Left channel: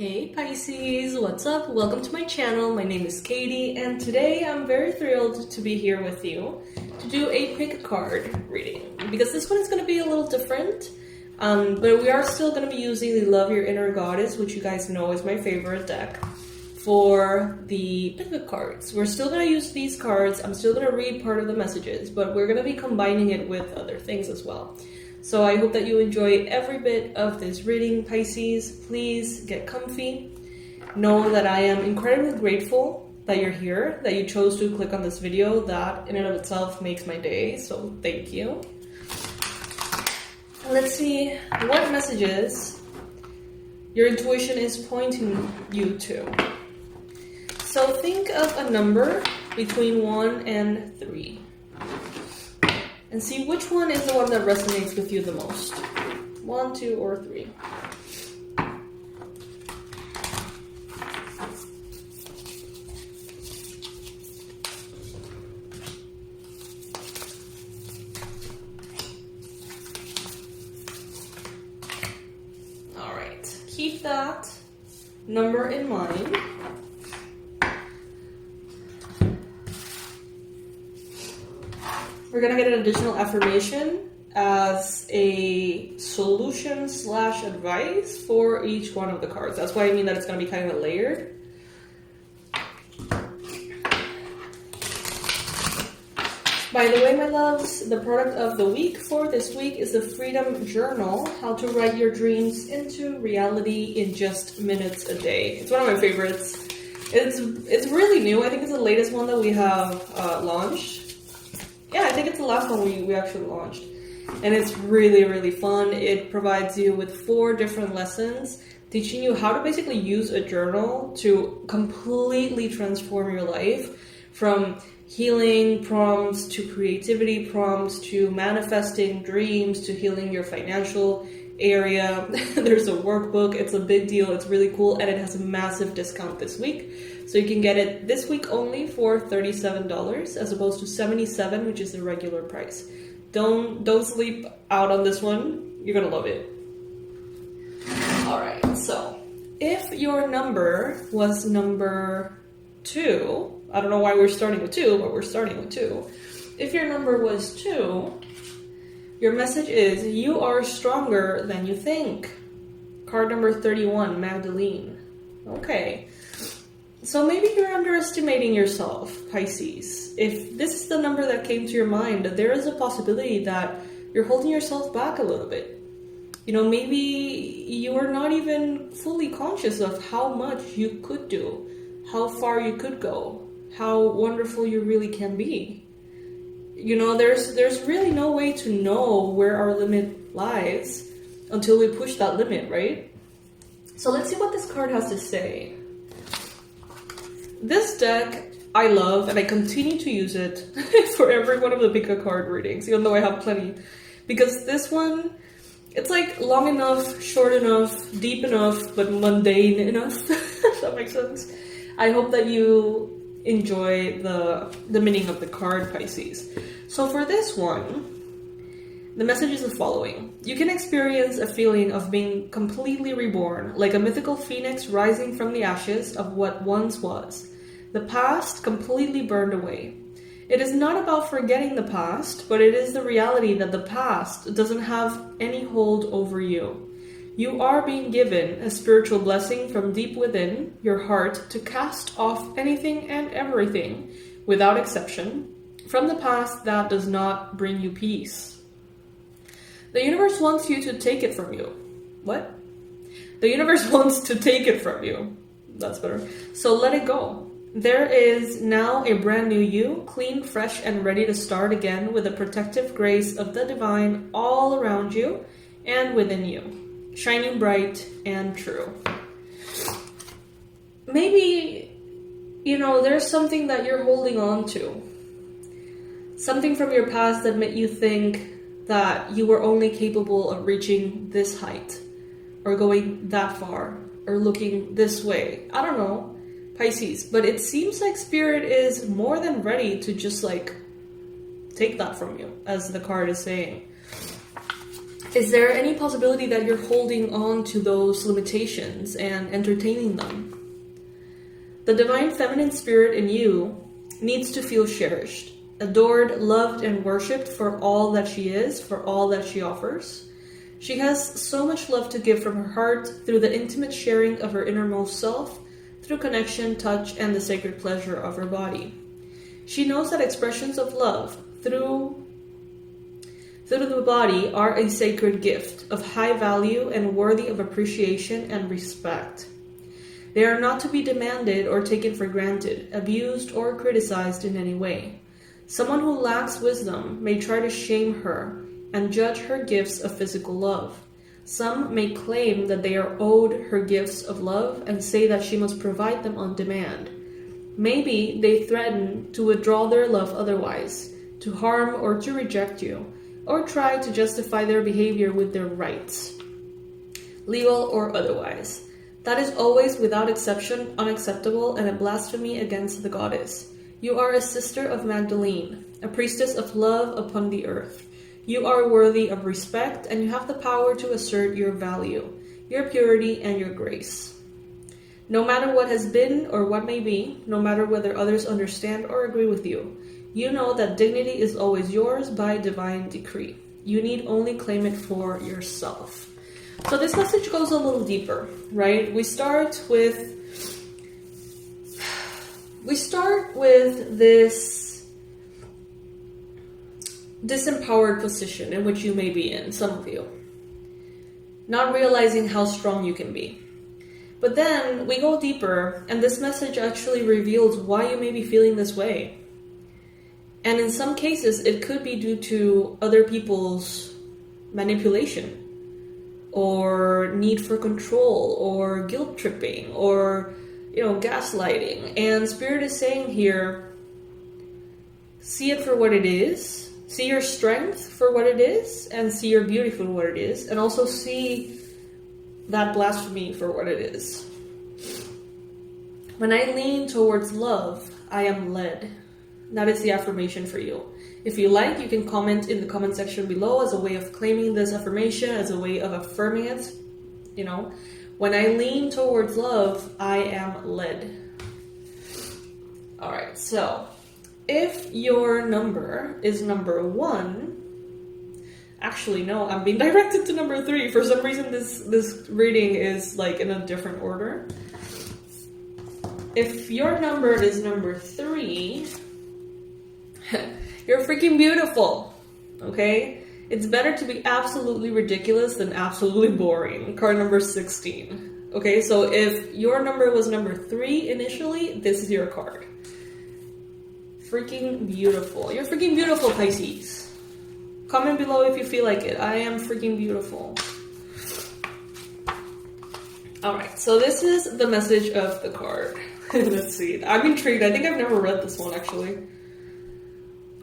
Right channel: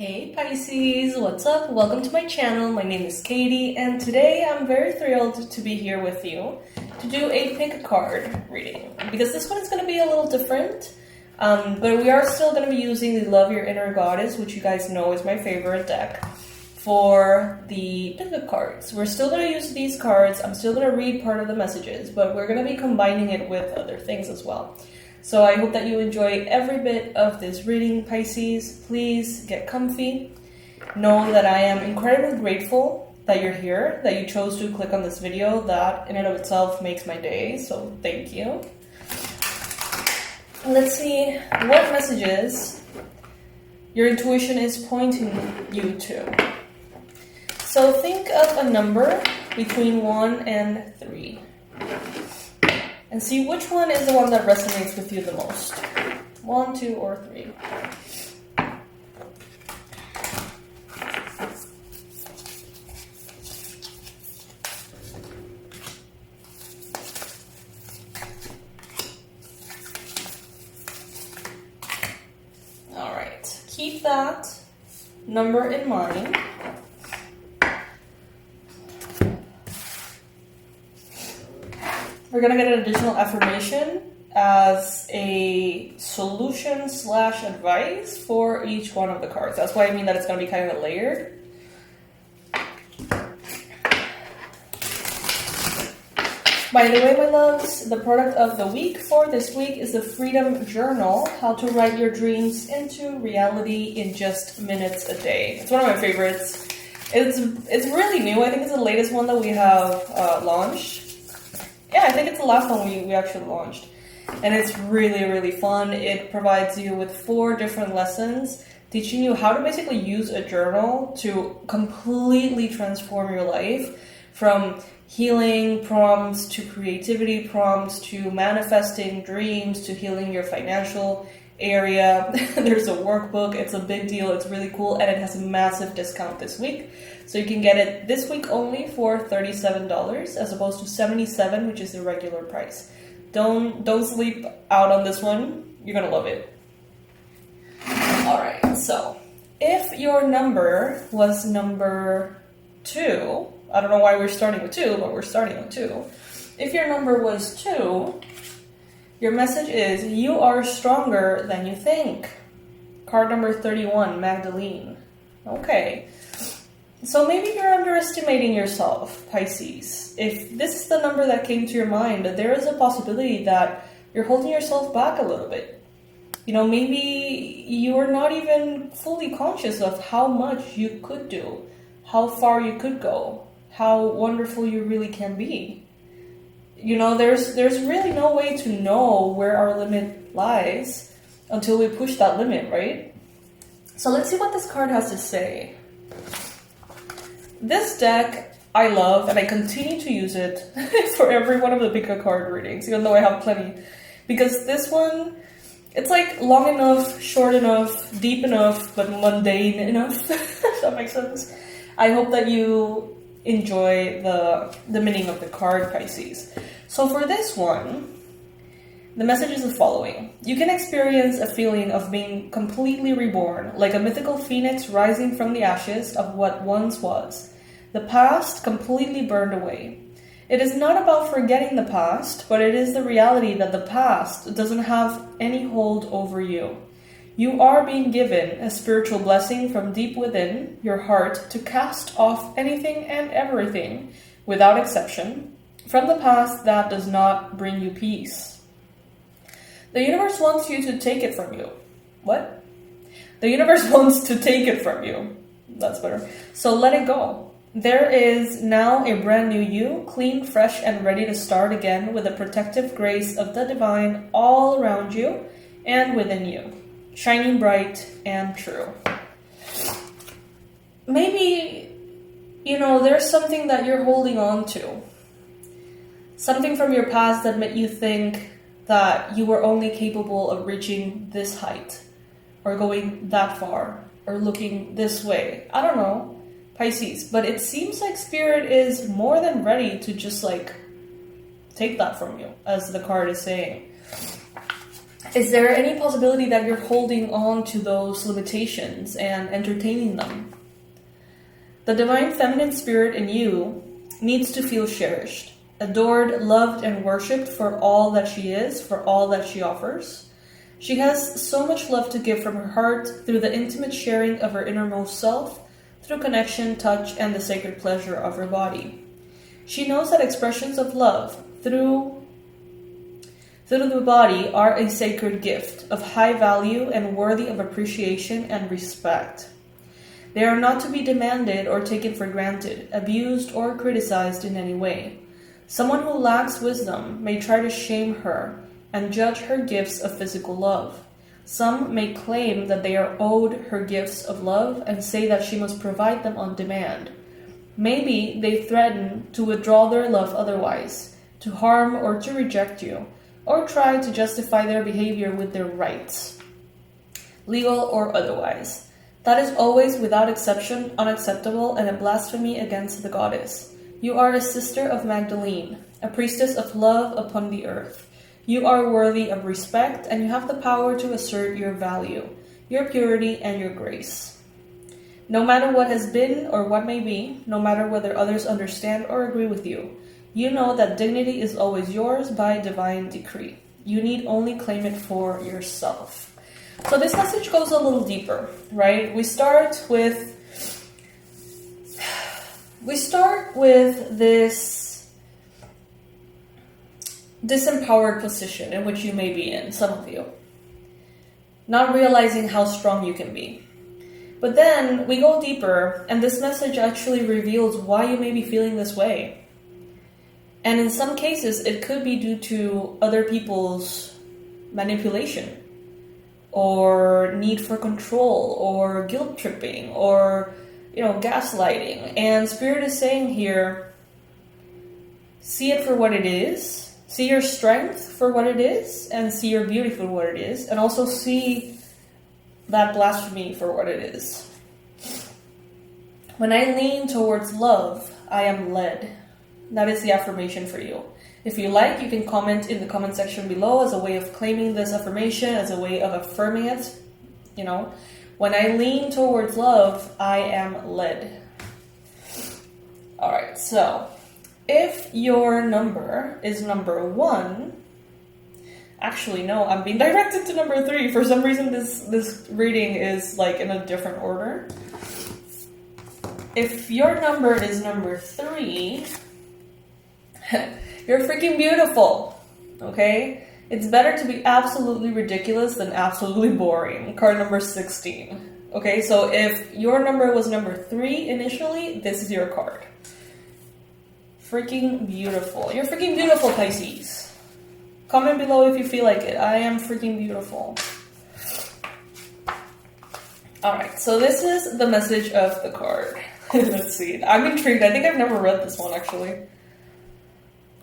Hey Pisces, what's up? Welcome to my channel. My name is Katie and today I'm very thrilled to be here with you to do a pick a card reading because this one is going to be a little different, but we are still going to be using the Love Your Inner Goddess, which you guys know is my favorite deck, for the pick a cards. We're still going to use these cards. I'm still going to read part of the messages, but we're going to be combining it with other things as well. So I hope that you enjoy every bit of this reading, Pisces. Please get comfy. Know that I am incredibly grateful that you're here, that you chose to click on this video. That in and of itself makes my day, so thank you. Let's see what messages your intuition is pointing you to. So think of a number between 1 and 3. And see which one is the one that resonates with you the most. 1, 2, or 3. All right, keep that number in mind. We're going to get an additional affirmation as a solution / advice for each one of the cards. That's why I mean that it's going to be kind of layered. By the way, my loves, the product of the week for this week is the Freedom Journal, How to Write Your Dreams into Reality in Just Minutes a Day. It's one of my favorites. It's really new. I think it's the latest one that we have launched. Yeah, I think it's the last one we actually launched. And it's really, really fun. It provides you with 4 different lessons, teaching you how to basically use a journal to completely transform your life, from healing prompts to creativity prompts to manifesting dreams to healing your financial area. There's a workbook. It's a big deal. It's really cool. And it has a massive discount this week. So you can get it this week only for $37 as opposed to $77, which is the regular price. Don't sleep out on this one. You're going to love it. All right. So if your number was number 2, I don't know why we're starting with 2, but we're starting with 2. If your number was 2, your message is you are stronger than you think. Card number 31, Magdalene. Okay. So maybe you're underestimating yourself, Pisces. If this is the number that came to your mind, there is a possibility that you're holding yourself back a little bit. You know, maybe you're not even fully conscious of how much you could do, how far you could go, how wonderful you really can be. You know, there's really no way to know where our limit lies until we push that limit, right? So let's see what this card has to say. This deck I love, and I continue to use it for every one of the pick a card readings, even though I have plenty. Because this one, it's like long enough, short enough, deep enough, but mundane enough. If that makes sense. I hope that you enjoy the meaning of the card, Pisces. So for this one, the message is the following. You can experience a feeling of being completely reborn, like a mythical phoenix rising from the ashes of what once was. The past completely burned away. It is not about forgetting the past, but it is the reality that the past doesn't have any hold over you. You are being given a spiritual blessing from deep within your heart to cast off anything and everything, without exception, from the past that does not bring you peace. The universe wants you to take it from you. What? The universe wants to take it from you. That's better. So let it go. There is now a brand new you, clean, fresh, and ready to start again with the protective grace of the divine all around you and within you, shining bright and true. Maybe, you know, there's something that you're holding on to. Something from your past that made you think that you were only capable of reaching this height, or going that far, or looking this way. I don't know, Pisces, but it seems like Spirit is more than ready to just like take that from you, as the card is saying. Is there any possibility that you're holding on to those limitations and entertaining them? The divine feminine spirit in you needs to feel cherished, adored, loved, and worshipped for all that she is, for all that she offers. She has so much love to give from her heart through the intimate sharing of her innermost self, through connection, touch, and the sacred pleasure of her body. She knows that expressions of love through the body are a sacred gift of high value and worthy of appreciation and respect. They are not to be demanded or taken for granted, abused or criticized in any way. Someone who lacks wisdom may try to shame her and judge her gifts of physical love. Some may claim that they are owed her gifts of love and say that she must provide them on demand. Maybe they threaten to withdraw their love otherwise, to harm or to reject you, or try to justify their behavior with their rights, legal or otherwise. That is always, without exception, unacceptable and a blasphemy against the goddess. You are a sister of Magdalene, a priestess of love upon the earth. You are worthy of respect, and you have the power to assert your value, your purity, and your grace. No matter what has been or what may be, no matter whether others understand or agree with you, you know that dignity is always yours by divine decree. You need only claim it for yourself. So this message goes a little deeper, right? We start with this disempowered position in which you may be in, some of you, not realizing how strong you can be. But then we go deeper, and this message actually reveals why you may be feeling this way. And in some cases, it could be due to other people's manipulation, or need for control, or guilt tripping, or, gaslighting. And Spirit is saying here, see it for what it is, see your strength for what it is, and see your beauty for what it is, and also see that blasphemy for what it is. When I lean towards love, I am led. That is the affirmation for you. If you like, you can comment in the comment section below as a way of claiming this affirmation, as a way of affirming it. When I lean towards love, I am led. All right, so if your number is number 1, actually, no, I'm being directed to number 3. For some reason, this reading is like in a different order. If your number is number 3, you're freaking beautiful, okay? It's better to be absolutely ridiculous than absolutely boring. Card number 16. Okay, so if your number was number 3 initially, this is your card. Freaking beautiful. You're freaking beautiful, Pisces. Comment below if you feel like it. I am freaking beautiful. Alright, so this is the message of the card. Let's see. I'm intrigued. I think I've never read this one, actually.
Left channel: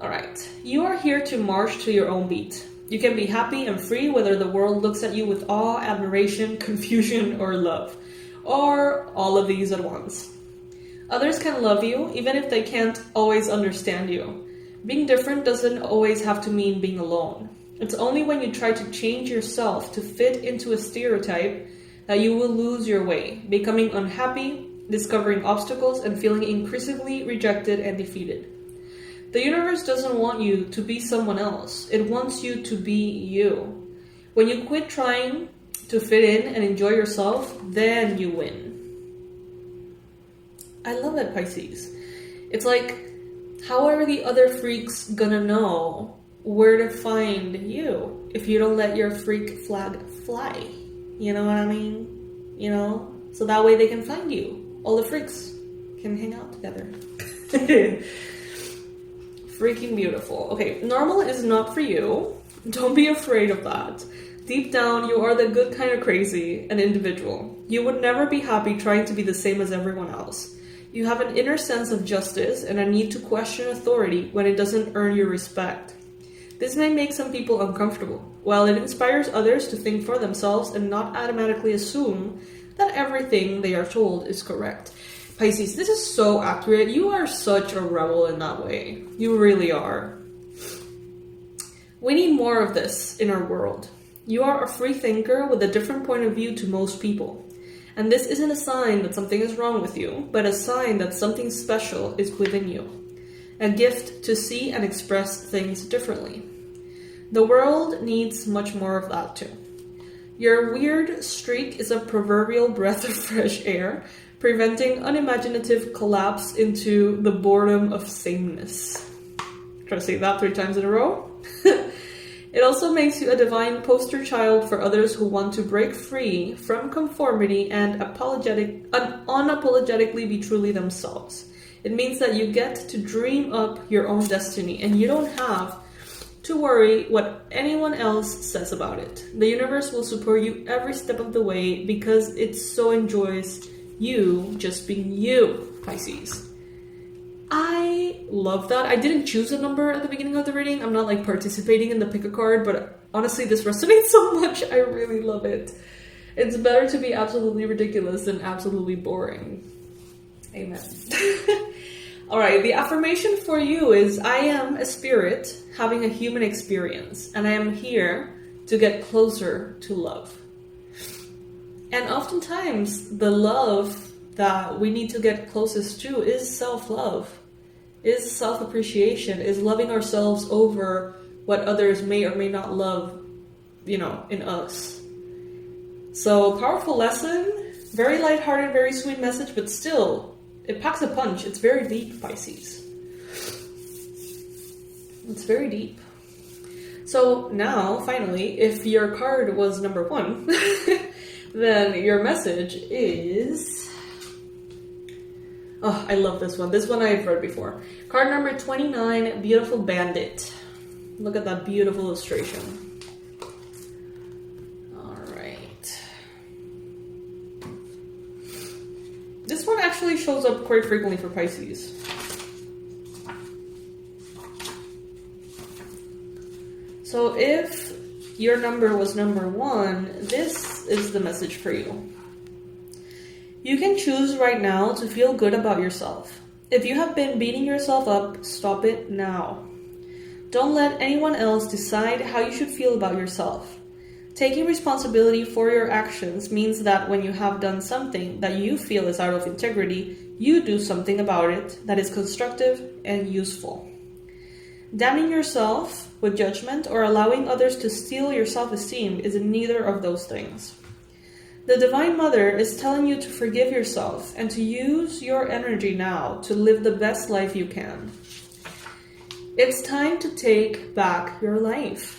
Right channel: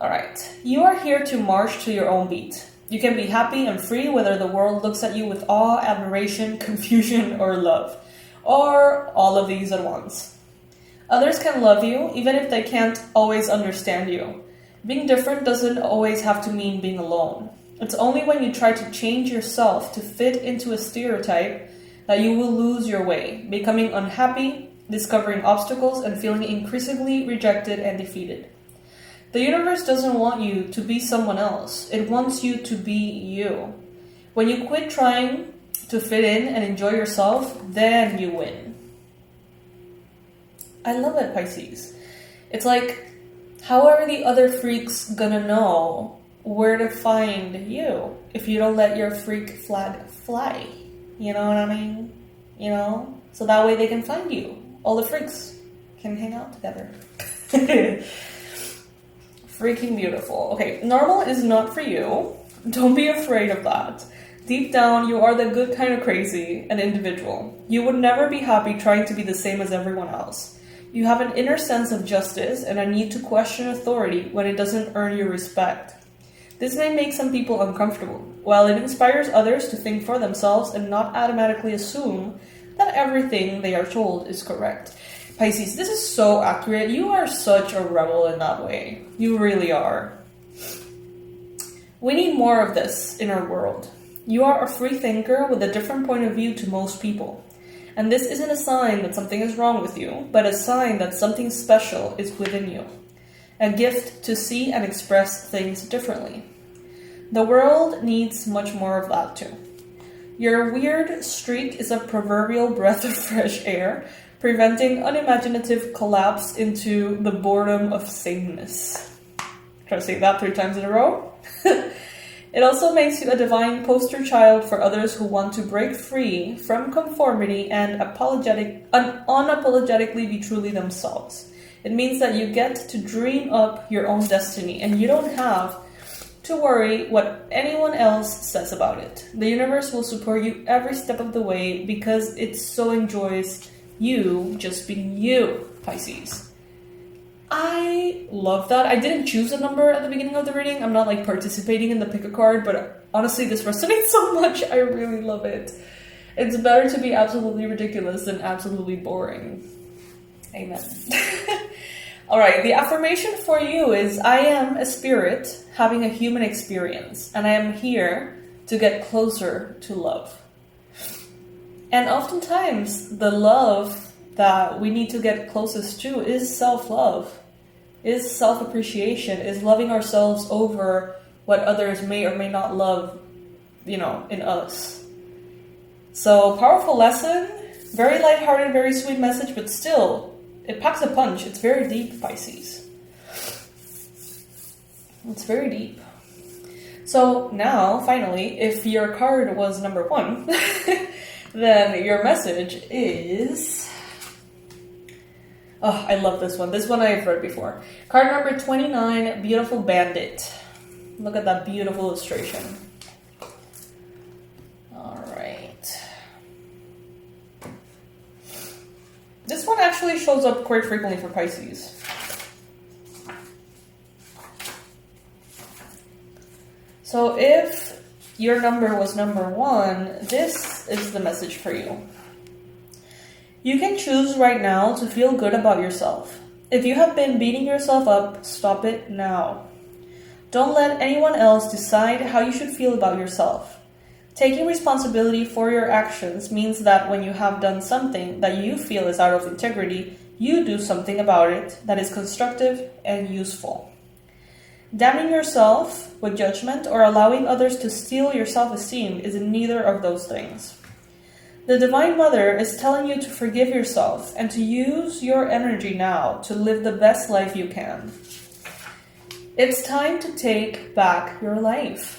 Alright. You are here to march to your own beat. You can be happy and free whether the world looks at you with awe, admiration, confusion, or love. Or all of these at once. Others can love you, even if they can't always understand you. Being different doesn't always have to mean being alone. It's only when you try to change yourself to fit into a stereotype that you will lose your way, becoming unhappy, discovering obstacles, and feeling increasingly rejected and defeated. The universe doesn't want you to be someone else. It wants you to be you. When you quit trying to fit in and enjoy yourself, then you win. I love it, Pisces. It's like, how are the other freaks gonna know where to find you if you don't let your freak flag fly? You know what I mean? So that way they can find you. All the freaks can hang out together. Freaking beautiful. Okay, normal is not for you. Don't be afraid of that. Deep down, you are the good kind of crazy, an individual. You would never be happy trying to be the same as everyone else. You have an inner sense of justice and a need to question authority when it doesn't earn your respect. This may make some people uncomfortable, while it inspires others to think for themselves and not automatically assume that everything they are told is correct. Pisces, this is so accurate. You are such a rebel in that way. You really are. We need more of this in our world. You are a free thinker with a different point of view to most people. And this isn't a sign that something is wrong with you, but a sign that something special is within you. A gift to see and express things differently. The world needs much more of that too. Your weird streak is a proverbial breath of fresh air, preventing unimaginative collapse into the boredom of sameness. Try to say that 3 times in a row. It also makes you a divine poster child for others who want to break free from conformity and unapologetically be truly themselves. It means that you get to dream up your own destiny, and you don't have to worry what anyone else says about it. The universe will support you every step of the way because it so enjoys you just being you, Pisces. I love that. I didn't choose a number at the beginning of the reading. I'm not like participating in the pick a card, but honestly this resonates so much. I really love it. It's better to be absolutely ridiculous than absolutely boring. Amen. Alright, the affirmation for you is, I am a spirit having a human experience, and I am here to get closer to love. And oftentimes, the love that we need to get closest to is self-love, is self-appreciation, is loving ourselves over what others may or may not love, in us. So, powerful lesson, very lighthearted, very sweet message, but still, it packs a punch. It's very deep, Pisces. It's very deep. So now, finally, if your card was number 1, then your message is... Oh, I love this one. This one I've read before. Card number 29, Beautiful Bandit. Look at that beautiful illustration. This one actually shows up quite frequently for Pisces. So if your number was number 1, this is the message for you. You can choose right now to feel good about yourself. If you have been beating yourself up, stop it now. Don't let anyone else decide how you should feel about yourself. Taking responsibility for your actions means that when you have done something that you feel is out of integrity, you do something about it that is constructive and useful. Damning yourself with judgment or allowing others to steal your self-esteem is neither of those things. The Divine Mother is telling you to forgive yourself and to use your energy now to live the best life you can. It's time to take back your life.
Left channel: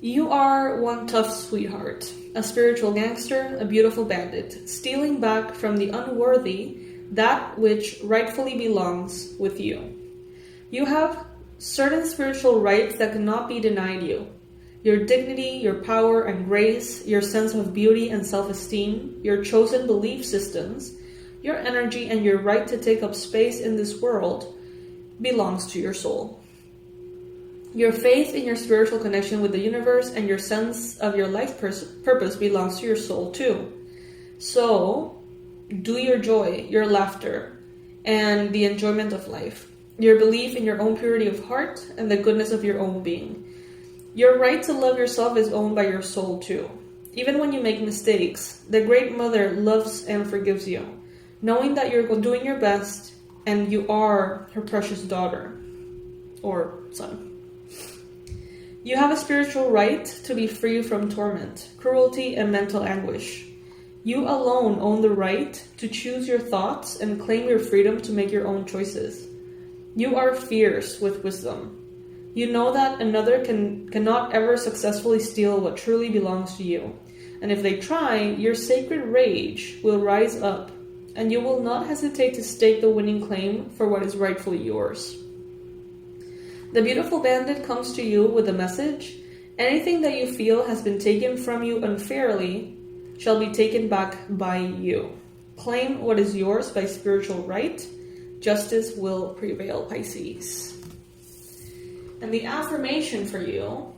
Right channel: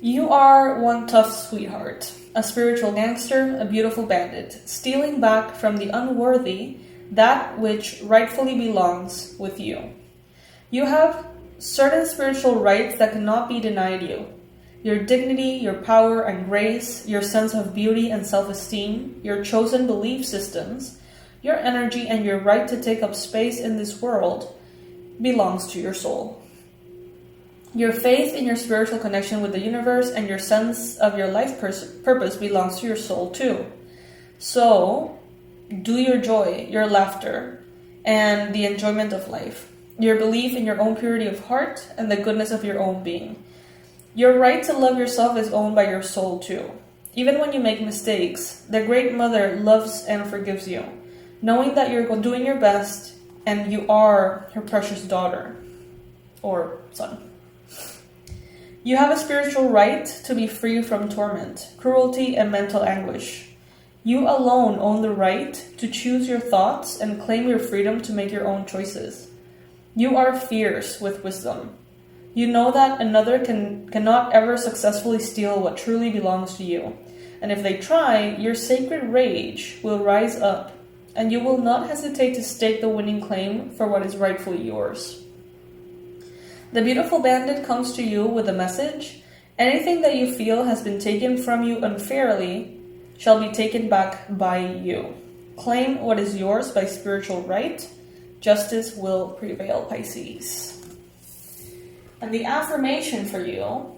You are one tough sweetheart, a spiritual gangster, a beautiful bandit, stealing back from the unworthy that which rightfully belongs with you. You have certain spiritual rights that cannot be denied you. Your dignity, your power and grace, your sense of beauty and self-esteem, your chosen belief systems, your energy and your right to take up space in this world belongs to your soul. Your faith in your spiritual connection with the universe and your sense of your life purpose belongs to your soul too. So, do your joy, your laughter, and the enjoyment of life. Your belief in your own purity of heart and the goodness of your own being. Your right to love yourself is owned by your soul too. Even when you make mistakes, the Great Mother loves and forgives you, knowing that you're doing your best and you are her precious daughter or son. You have a spiritual right to be free from torment, cruelty, and mental anguish. You alone own the right to choose your thoughts and claim your freedom to make your own choices. You are fierce with wisdom. You know that another cannot ever successfully steal what truly belongs to you. And if they try, your sacred rage will rise up, and you will not hesitate to stake the winning claim for what is rightfully yours. The beautiful bandit comes to you with a message. Anything that you feel has been taken from you unfairly shall be taken back by you. Claim what is yours by spiritual right. Justice will prevail, Pisces. And the affirmation for you:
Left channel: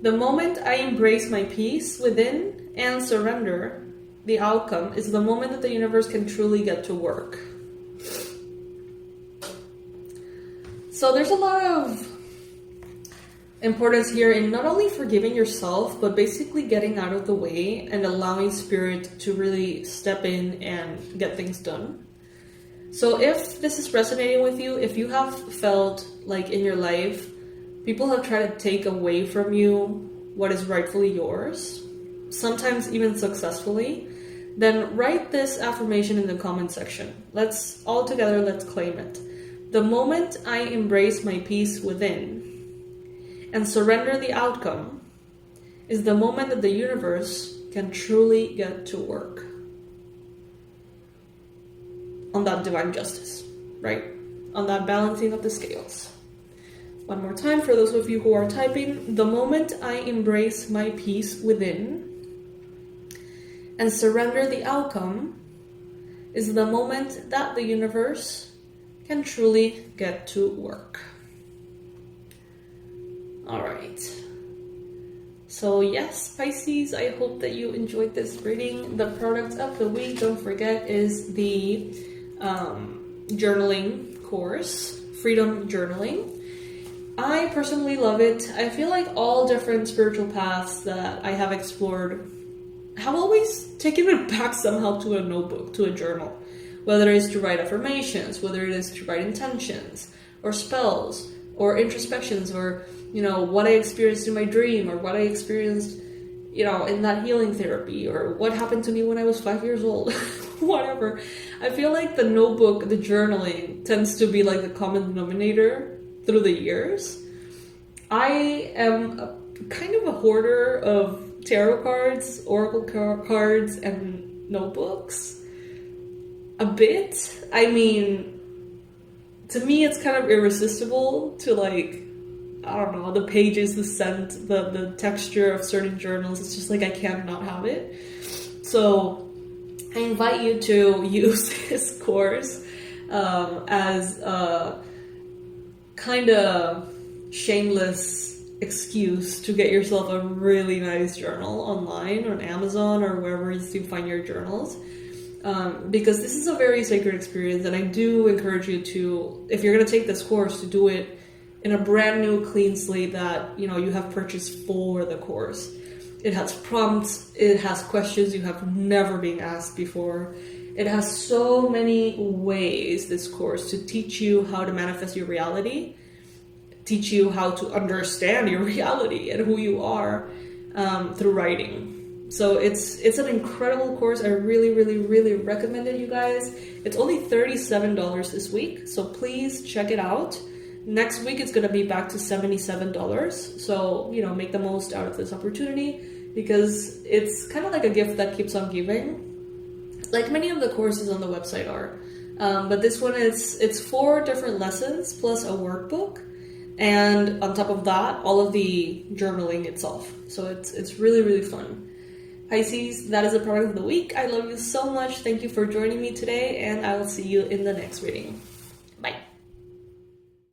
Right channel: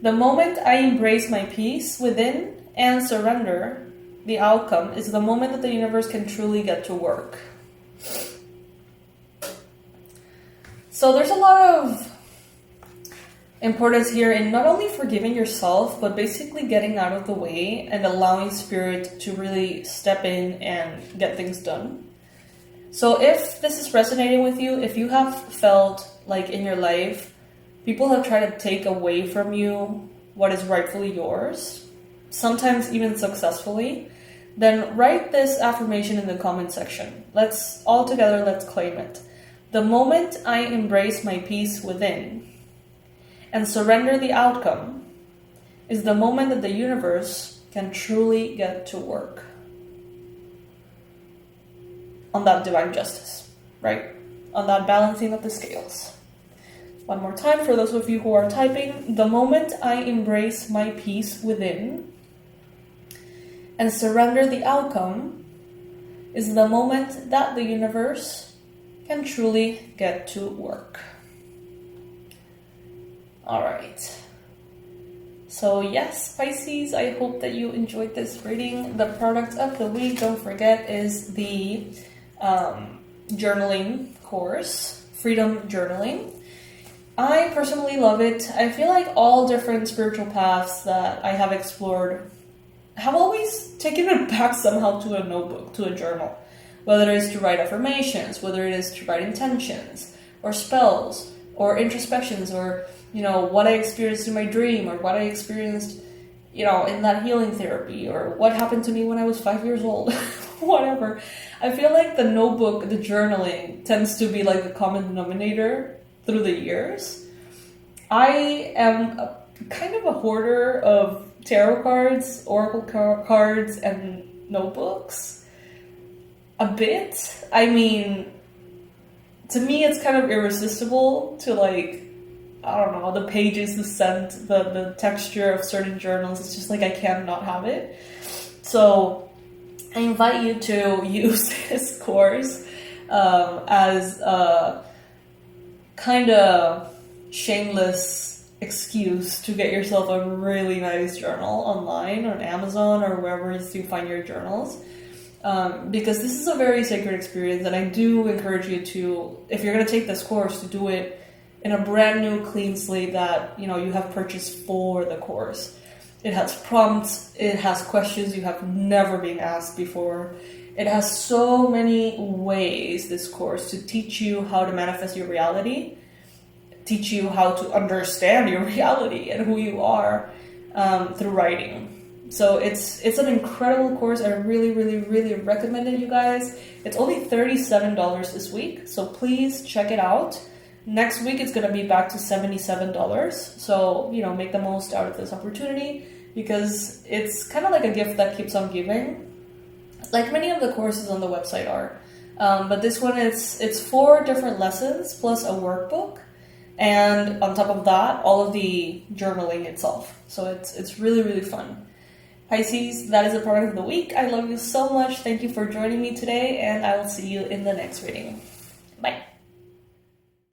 the moment I embrace my peace within and surrender, the outcome is the moment that the universe can truly get to work. So there's a lot of importance here in not only forgiving yourself, but basically getting out of the way and allowing spirit to really step in and get things done. So if this is resonating with you, if you have felt like in your life, people have tried to take away from you what is rightfully yours, sometimes even successfully, then write this affirmation in the comment section. Let's claim it. The moment I embrace my peace within and surrender the outcome is the moment that the universe can truly get to work on that divine justice, right? On that balancing of the scales. One more time for those of you who are typing. The moment I embrace my peace within and surrender the outcome is the moment that the universe can truly get to work. All right. So yes, Pisces, I hope that you enjoyed this reading. The product of the week, don't forget, is the journaling course, Freedom Journaling. I personally love it. I feel like all different spiritual paths that I have explored have always taken it back somehow to a notebook, to a journal. Whether it is to write affirmations, whether it is to write intentions, or spells, or introspections, or, what I experienced in my dream, or what I experienced, in that healing therapy, or what happened to me when I was 5 years old, whatever. I feel like the notebook, the journaling, tends to be like the common denominator through the years. I am kind of a hoarder of tarot cards, oracle cards, and notebooks. A bit. I mean, to me it's kind of irresistible to the pages, the scent, the texture of certain journals. It's just like I can't not have it. So I invite you to use this course as a kind of shameless excuse to get yourself a really nice journal online on Amazon or wherever you find your journals. Because this is a very sacred experience, and I do encourage you to, if you're going to take this course, to do it in a brand new clean slate that you have purchased for the course. It has prompts, it has questions you have never been asked before. It has so many ways, this course, to teach you how to manifest your reality, teach you how to understand your reality and who you are through writing. So it's an incredible course. I really, really, really recommend it, you guys. It's only $37 this week, so please check it out. Next week, it's going to be back to $77. So, make the most out of this opportunity because it's kind of like a gift that keeps on giving, like many of the courses on the website are. But this one, it's 4 different lessons plus a workbook. And on top of that, all of the journaling itself. So it's really, really fun. Pisces, that is the product of the week. I love you so much. Thank you for joining me today, and I will see you in the next reading.